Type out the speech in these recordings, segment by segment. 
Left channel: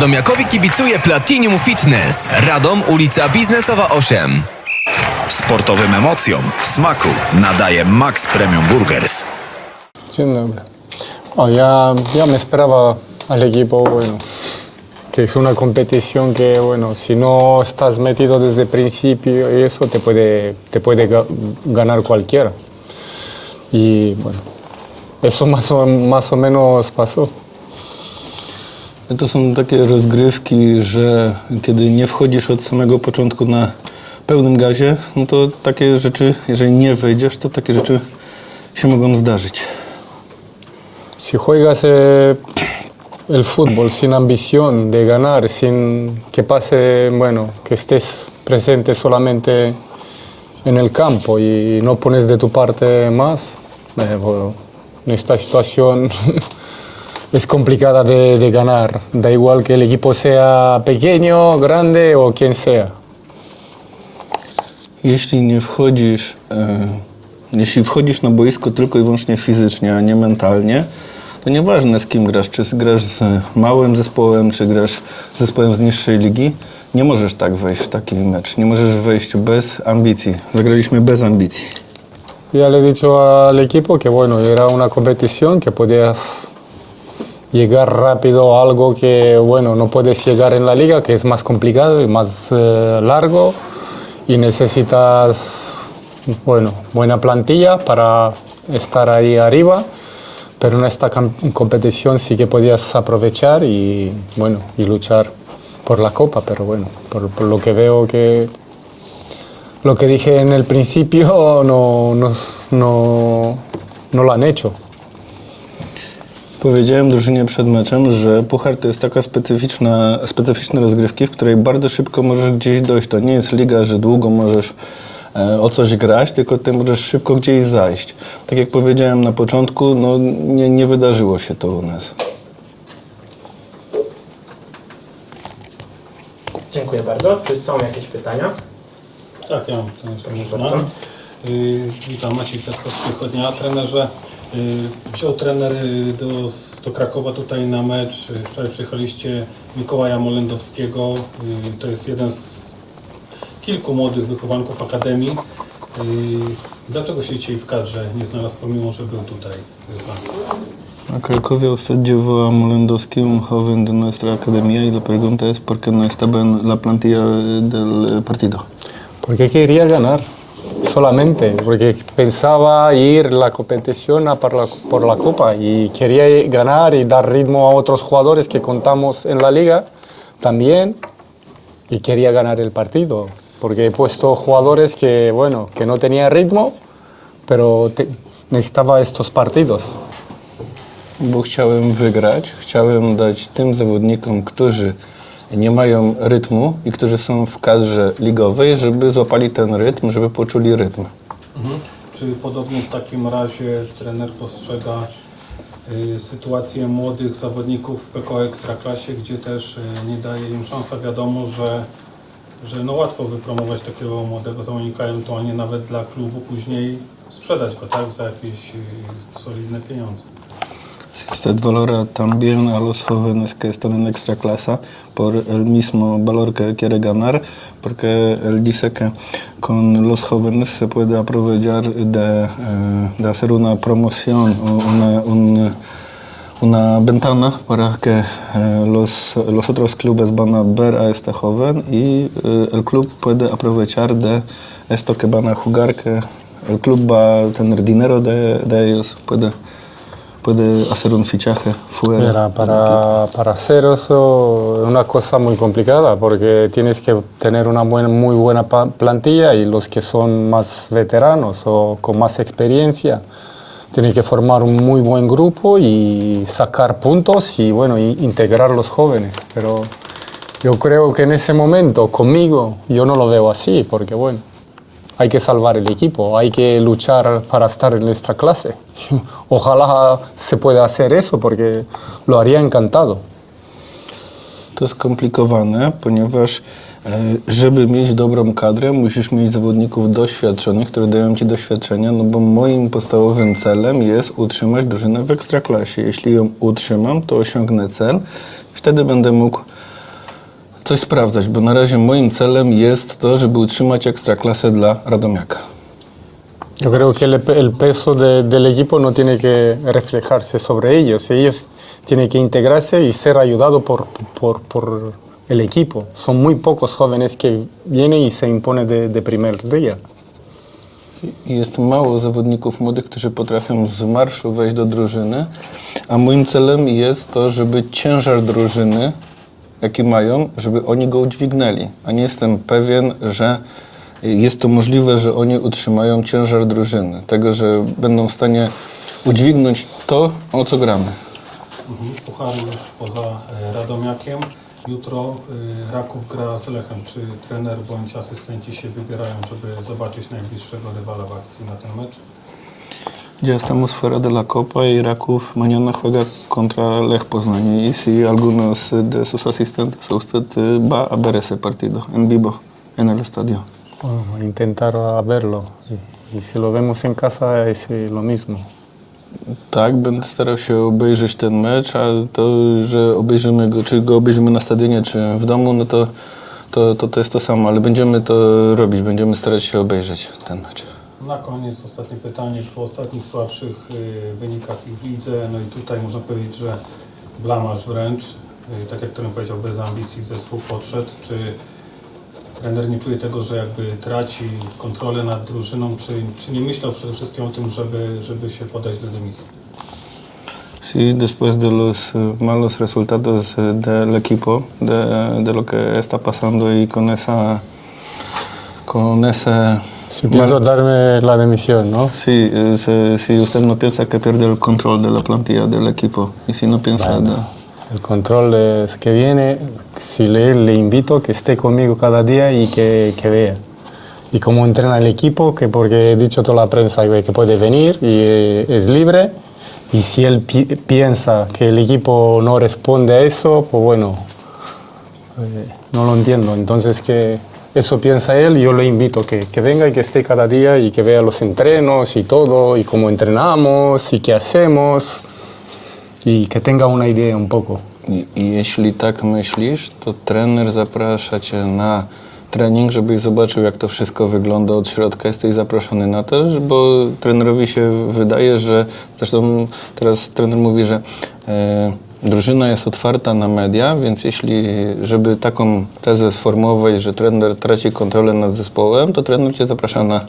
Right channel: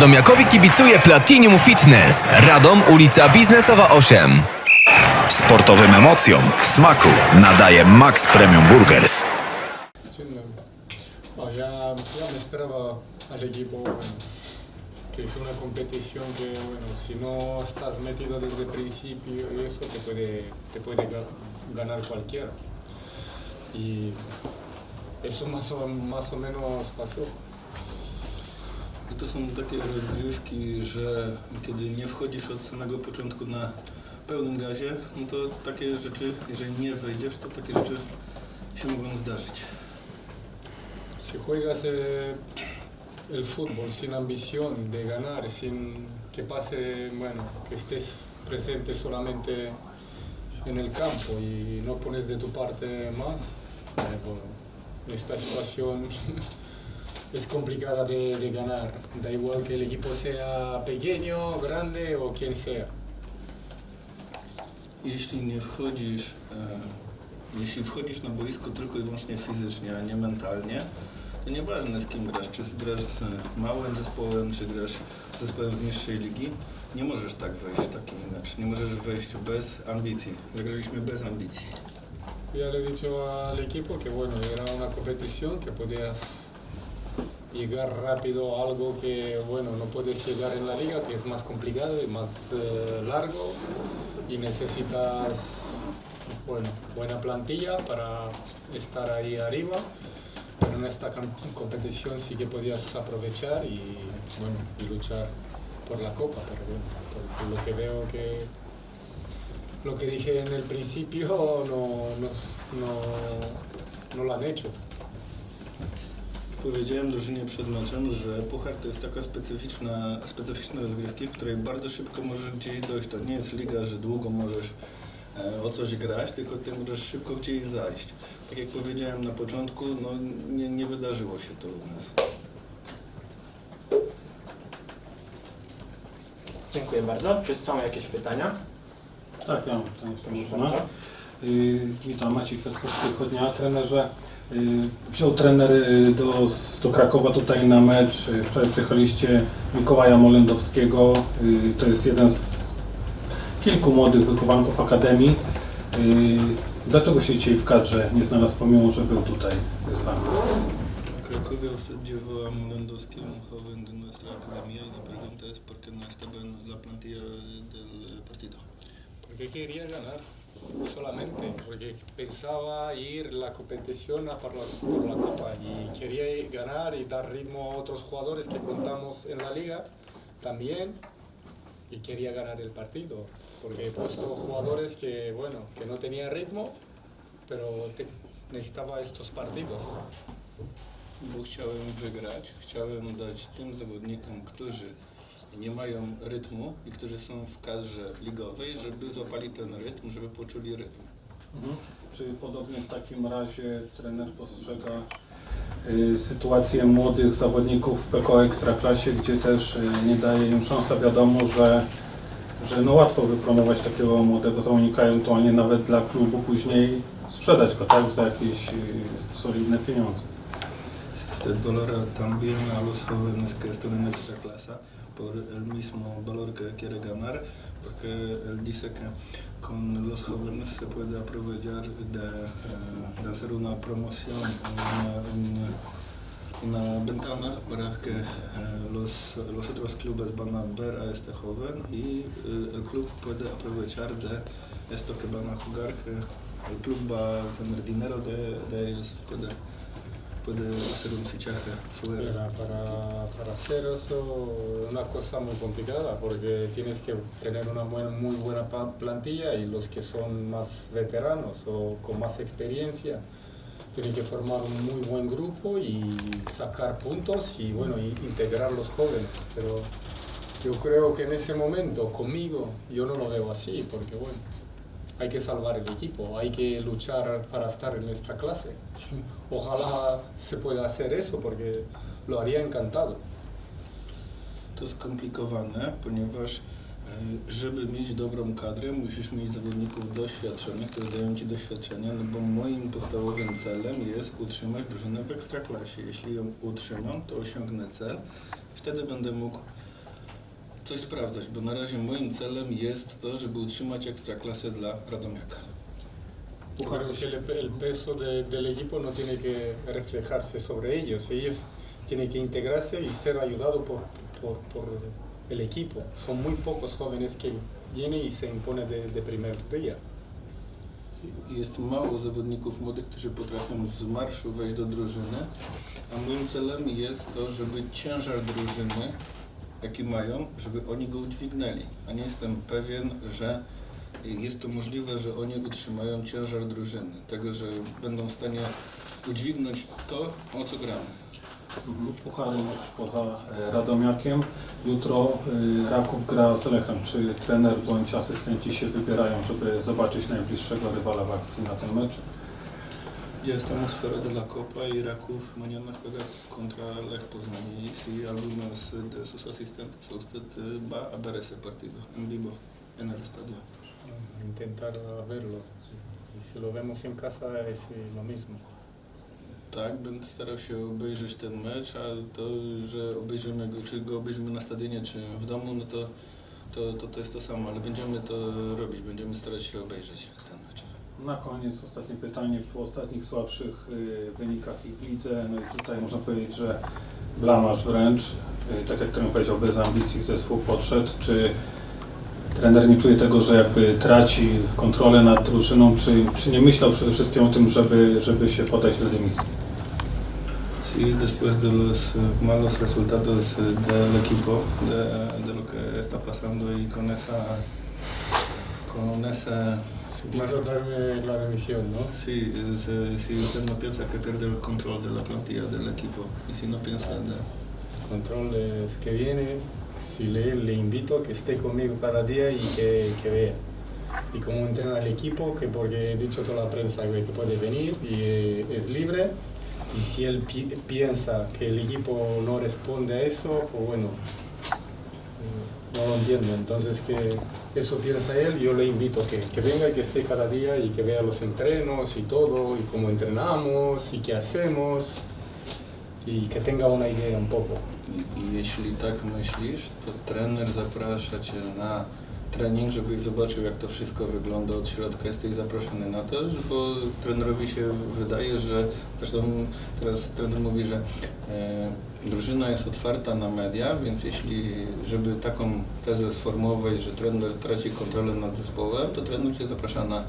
Radomiakowi kibicuje Platinum Fitness. Radom, ulica Biznesowa 8. Sportowym emocjom smaku nadaje Max Premium Burgers. Dzień dobry. O, ya, ya me esperaba al equipo, bueno, que es una competición que, bueno, si no estás metido desde el principio, eso te puede, te puede ga- ganar cualquiera. Y bueno, eso más o, más o menos pasó. To są takie rozgrywki, że kiedy nie wchodzisz od samego początku na pełnym gazie, no to takie rzeczy, jeżeli nie wejdziesz, to takie rzeczy się mogą zdarzyć. Si juegas el fútbol sin ambición de ganar, sin que pase, bueno, que estés presente solamente en el campo y no pones de tu parte más, eh, bueno, en esta situación es complicada de, de ganar. Da igual que el equipo sea pequeño, grande o quien sea. Jeśli nie wchodzisz, e, jeśli wchodzisz na boisko tylko i wyłącznie fizycznie, a nie mentalnie, to nieważne z kim grasz, czy grasz z małym zespołem, czy grasz z zespołem z niższej ligi, nie możesz tak wejść w taki mecz. Nie możesz wejść bez ambicji. Zagraliśmy bez ambicji. Ya le he dicho al equipo que bueno, era una competición que podías llegar rápido a algo que bueno, no puedes llegar en la liga, que es más complicado y más eh, largo y necesitas bueno, buena plantilla para estar ahí arriba, pero en esta competición sí que podías aprovechar y bueno, y luchar por la copa, pero bueno, por, lo que veo que lo que dije en el principio no, no, no lo han hecho. Powiedziałem drużynie przed meczem, że puchar to jest taka specyficzna, specyficzne rozgrywki, w której bardzo szybko możesz gdzieś dojść. To nie jest liga, że długo możesz e, o coś grać, tylko ty możesz szybko gdzieś zajść. Tak jak powiedziałem na początku, no nie, nie wydarzyło się to u nas. Dziękuję bardzo. Czy są jakieś pytania? Tak, ja mam pytanie, Proszę bardzo. Yy, Witam, Maciej Kwiatkowski, Chodnia. Trenerze, wziął trener yy, do, do Krakowa tutaj na mecz. Yy, Wczoraj przyjechaliście Mikołaja Molendowskiego. To jest jeden z kilku młodych wychowanków Akademii. Dlaczego się dzisiaj w kadrze nie znalazł, pomimo że był tutaj z Wami? A Krakowie usted llevó a Molendowski, un joven de nuestra academia, y la pregunta es por qué no estaba en la plantilla del partido. Porque quería ganar solamente, porque pensaba ir la competición a por la, por la copa y quería ganar y dar ritmo a otros jugadores que contamos en la liga también y quería ganar el partido, porque he puesto jugadores que, bueno, que no tenía ritmo, pero te- necesitaba estos partidos. Bo chciałem wygrać, chciałem dać tym zawodnikom, którzy nie mają rytmu i którzy są w kadrze ligowej, żeby złapali ten rytm, żeby poczuli rytm. Czy podobnie w takim razie trener postrzega y, sytuację młodych zawodników w PKO Ekstraklasie, gdzie też y, nie daje im szansa, wiadomo, że, że no łatwo wypromować takiego młodego zawodnika, ewentualnie nawet dla klubu później sprzedać go tak, za jakieś y, solidne pieniądze. Si usted valora también a los jóvenes que están en extra clasa por el mismo valor que quiere ganar, porque él dice que con los jóvenes se puede aprovechar de, eh, de hacer una promoción, una, un- una ventana para que eh, los, los otros clubes van a ver a este joven y eh, el club puede aprovechar de esto que van a jugar, que el club va a tener dinero de, de ellos, puede, puede hacer un fichaje fuera. Mira, para, para hacer eso es una cosa muy complicada porque tienes que tener una buena, muy buena plantilla y los que son más veteranos o con más experiencia tienen que formar un muy buen grupo y sacar puntos y bueno, y integrar los jóvenes. Pero yo creo que en ese momento conmigo yo no lo veo así porque bueno, hay que salvar el equipo, hay que luchar para estar en esta clase. Ojalá se pueda hacer eso porque lo haría encantado. To skomplikowane, ponieważ e, żeby mieć dobrą kadrę, musisz mieć zawodników doświadczonych, które dają ci doświadczenia, no bo moim podstawowym celem jest utrzymać drużynę w ekstraklasie. Jeśli ją utrzymam, to osiągnę cel wtedy będę mógł coś sprawdzać, bo na razie moim celem jest to, żeby utrzymać ekstraklasę dla Radomiaka. Yo creo que el, el peso de- del equipo no tiene que reflejarse sobre ellos. Ellos tienen que integrarse y ser ayudados por, por, por el equipo. Son muy pocos jóvenes que vienen y se imponen de, de primer día. I Jest mało zawodników młodych, którzy potrafią z marszu wejść do drużyny, a moim celem jest to, żeby ciężar drużyny, jaki mają, żeby oni go udźwignęli. A nie jestem pewien, że jest to możliwe, że oni utrzymają ciężar drużyny. Tego, że będą w stanie udźwignąć to, o co gramy. Mhm. Poza e, Radomiakiem. Jutro y, Raków gra z Lechem. Czy trener bądź asystenci się wybierają, żeby zobaczyć najbliższego rywala w akcji na ten mecz? Ya estamos fuera de la Copa y Rakov mañana juega contra Lech Poznań. Y si algunos de sus asistentes usted eh, va a ver ese partido en vivo en el estadio. Bueno, intentar a verlo. Y, y si lo vemos en casa es eh, lo mismo. Tak, będę starał się obejrzeć ten mecz, a to, że obejrzymy go, czy go obejrzymy na stadionie, czy w domu, no to, to, to, to jest to samo, ale będziemy to robić, będziemy starać się obejrzeć ten mecz. Na koniec ostatnie pytanie. Po ostatnich słabszych y, wynikach i w lidze, no i tutaj można powiedzieć, że blamasz wręcz. Y, tak jak trener powiedział, bez ambicji zespół podszedł. Czy trener nie czuje tego, że jakby traci kontrolę nad drużyną, czy, czy nie myślał przede wszystkim o tym, żeby, żeby się podać do dymisji? Sí, después de los eh, malos resultados del equipo, de, de lo que está pasando y con esa, con ese Si pienso darme la demisión, ¿no? Sí, eh, se- si usted no piensa que pierde el control de la plantilla del equipo y si no piensa Bueno. de- El control es que viene, si le, le invito que esté conmigo cada día y que, que vea. Y cómo entrena el equipo, que porque he dicho a toda la prensa que que puede venir y eh, es libre. Y si él pi- piensa que el equipo no responde a eso, pues bueno, eh, no lo entiendo. Entonces que eso piensa él, yo le invito que, que venga y que esté cada día y que vea los entrenos y todo, y cómo entrenamos y qué hacemos, y que tenga una idea un poco. I, I jeśli tak myślisz, to trener zaprasza cię na trening, żebyś zobaczył, jak to wszystko wygląda od środka. Jesteś zaproszony na to, bo trenerowi się wydaje, że zresztą teraz trener mówi, że e, drużyna jest otwarta na media, więc jeśli, żeby taką tezę sformułować, że trener traci kontrolę nad zespołem, to trener cię zaprasza na,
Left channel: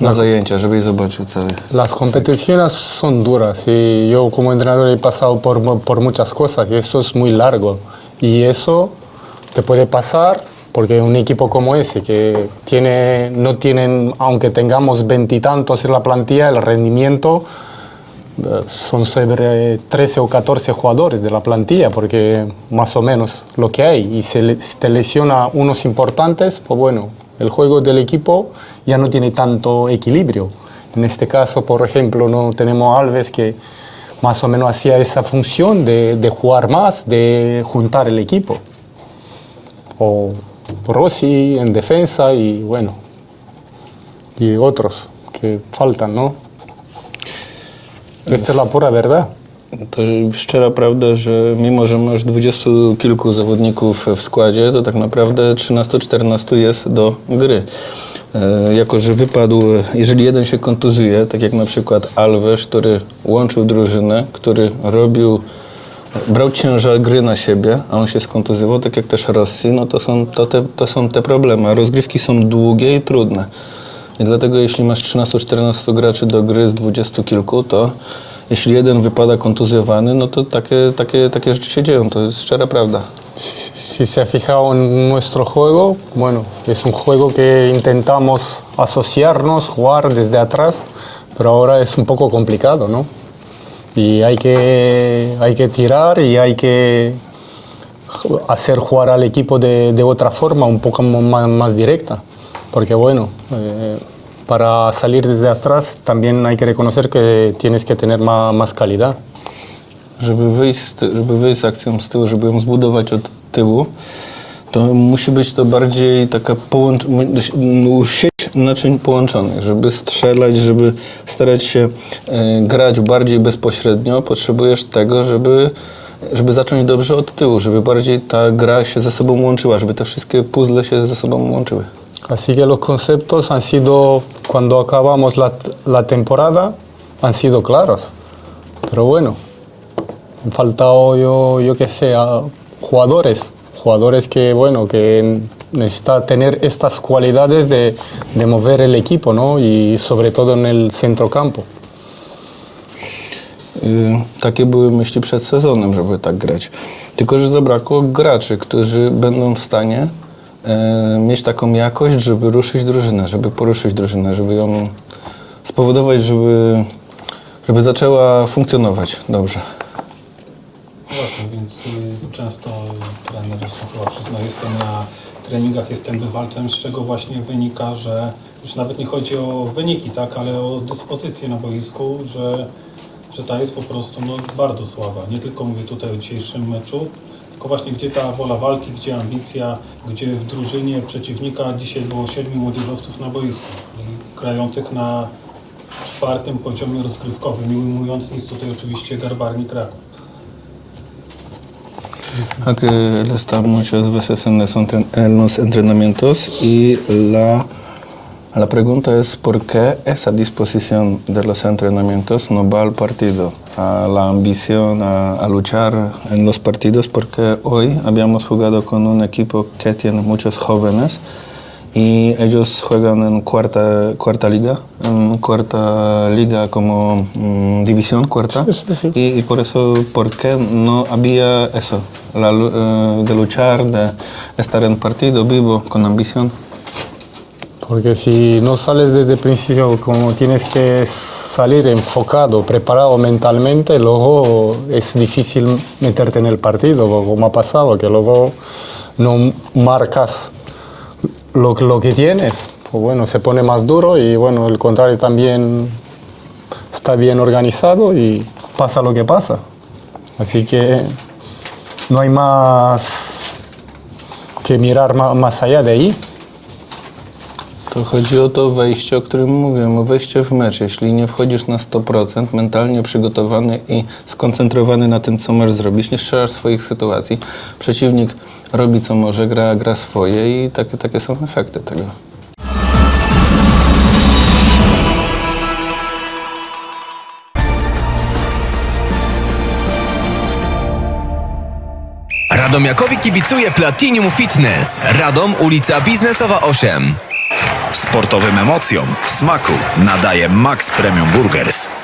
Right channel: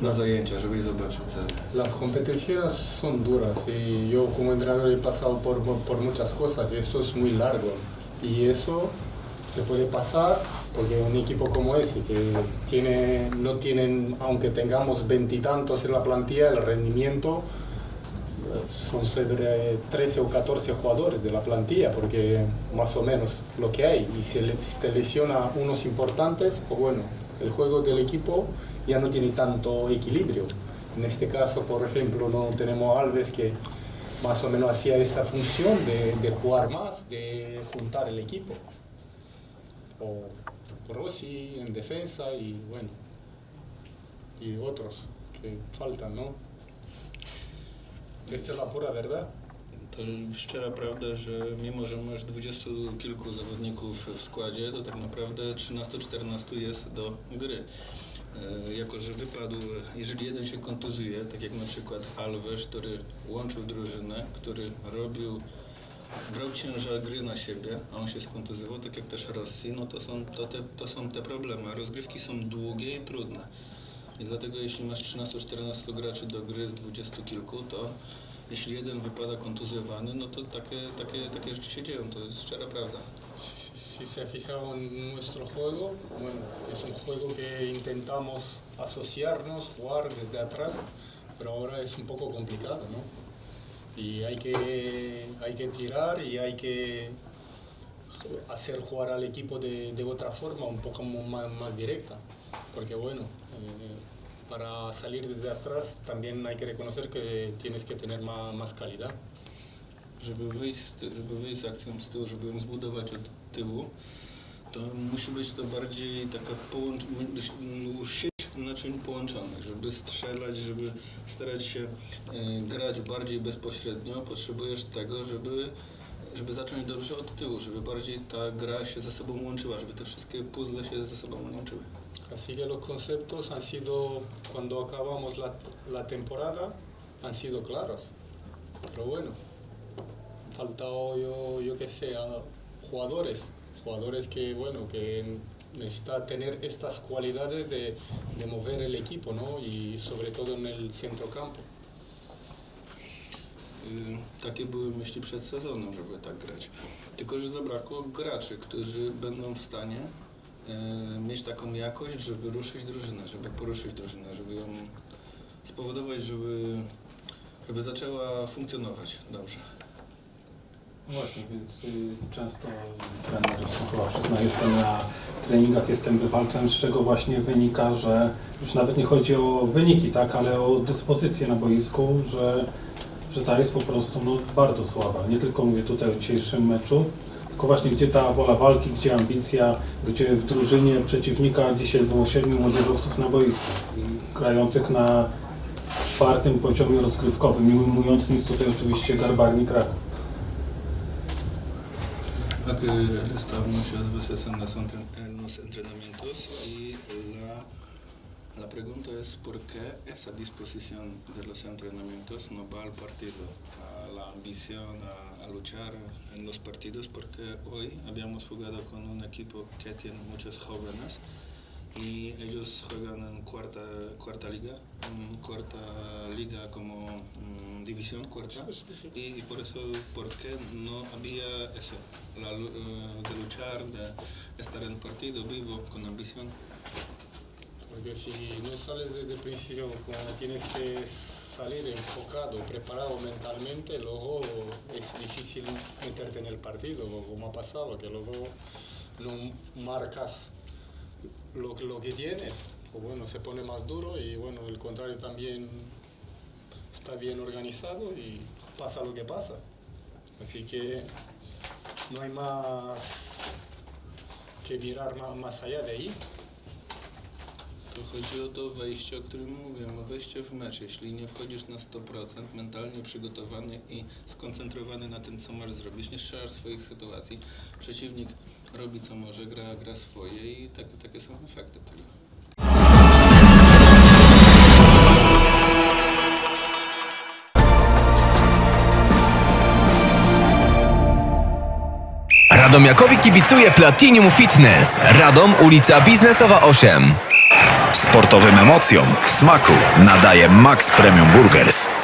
na zajęcia, żebyś zobaczył cały. Las competiciones son duras y yo como entrenador he pasado por, por muchas cosas y eso es muy largo y eso te puede pasar porque un equipo como ese que tiene, no tienen, aunque tengamos veintitantos en la plantilla, el rendimiento son sobre 13 o 14 jugadores de la plantilla porque más o menos lo que hay y se te lesiona unos importantes, pues bueno, el juego del equipo ya no tiene tanto equilibrio. En este caso, por ejemplo, no tenemos a Alves que más o menos hacía esa función de, de jugar más, de juntar el equipo. O Rossi en defensa y bueno, y otros que faltan, ¿no? Esta es la pura verdad. To szczera prawda, że mimo, że masz dwudziestu kilku zawodników w składzie, to tak naprawdę 13-14 jest do gry. E, jako, że wypadł, jeżeli jeden się kontuzuje, tak jak na przykład Alves, który łączył drużynę, który robił, brał ciężar gry na siebie, a on się skontuzował, tak jak też Rossi, no to są, to te, to są te problemy. Rozgrywki są długie i trudne. I dlatego jeśli masz 13-14 graczy do gry z dwudziestu kilku, to jeśli jeden wypada kontuzjowany, no to takie, takie, takie rzeczy się dzieją. To jest szczera prawda. Si se ha fijado en nuestro juego, bueno, es un juego que intentamos asociarnos, jugar desde atrás, pero ahora es un poco complicado, ¿no? Y hay que, hay que tirar y hay que hacer jugar al equipo de, de otra forma, un poco más, más directa. Porque bueno, eh, para salir desde atrás también hay que reconocer que tienes que tener más, más calidad. Żeby wyjść, z żeby wyjść z akcją z tyłu, żeby ją zbudować od tyłu, to musi być to bardziej taka sieć naczyń połączonych. Żeby strzelać, żeby starać się e, grać bardziej bezpośrednio, potrzebujesz tego, żeby żeby zacząć dobrze od tyłu, żeby bardziej ta gra się ze sobą łączyła, żeby te wszystkie puzzle się ze sobą łączyły. Así que los conceptos han sido, cuando acabamos la, la temporada, han sido claros. Pero bueno, han faltado, yo, yo qué sé, jugadores. Jugadores que, bueno, que necesita tener estas cualidades de, de mover el equipo, ¿no? Y sobre todo en el centrocampo. Takie były myśli przed sezonem, żeby tak grać. Tylko, że zabrakło graczy, którzy będą w stanie e, mieć taką jakość, żeby ruszyć drużynę, żeby poruszyć drużynę, żeby ją spowodować, żeby, żeby zaczęła funkcjonować dobrze. Właśnie, więc y, często trener chyba przyznaje, jestem na treningach, jestem bywalcem, z czego właśnie wynika, że już nawet nie chodzi o wyniki, tak, ale o dyspozycję na boisku, że, że ta jest po prostu no, bardzo słaba. Nie tylko mówię tutaj o dzisiejszym meczu, tylko właśnie gdzie ta wola walki, gdzie ambicja, gdzie w drużynie przeciwnika dzisiaj było siedmiu młodzieżowców na boisku i grających na czwartym poziomie rozgrywkowym, nie ujmując nic tutaj oczywiście Garbarni Kraków. Ac él está muchas veces en los entrenamientos y la, la pregunta es por qué esa disposición de los entrenamientos no va al partido, a la ambición, a, a luchar en los partidos, porque hoy habíamos jugado con un equipo que tiene muchos jóvenes y ellos juegan en cuarta, cuarta liga, en cuarta liga como mm, división cuarta. Sí, sí, sí. Y, y por eso, ¿por qué no había eso? La eh, de luchar, de estar en partido vivo, con ambición. Porque si no sales desde el principio como tienes que salir enfocado, preparado mentalmente, luego es difícil meterte en el partido, como ha pasado, que luego no marcas lo, lo que tienes. Pues bueno, se pone más duro y bueno, el contrario también está bien organizado y pasa lo que pasa. Así que no hay más que mirar ma- más allá de ahí. To chodzi o to wejście, o którym mówiłem, o wejście w mecz. Jeśli nie wchodzisz na 100%, mentalnie przygotowany i skoncentrowany na tym, co masz zrobić, nie strzelasz swoich sytuacji. Przeciwnik robi co może, gra, gra swoje i takie, takie są efekty tego. Radomiakowi kibicuje Platinum Fitness. Radom, ulica Biznesowa 8. Sportowym emocjom, smaku nadaje Max Premium Burgers.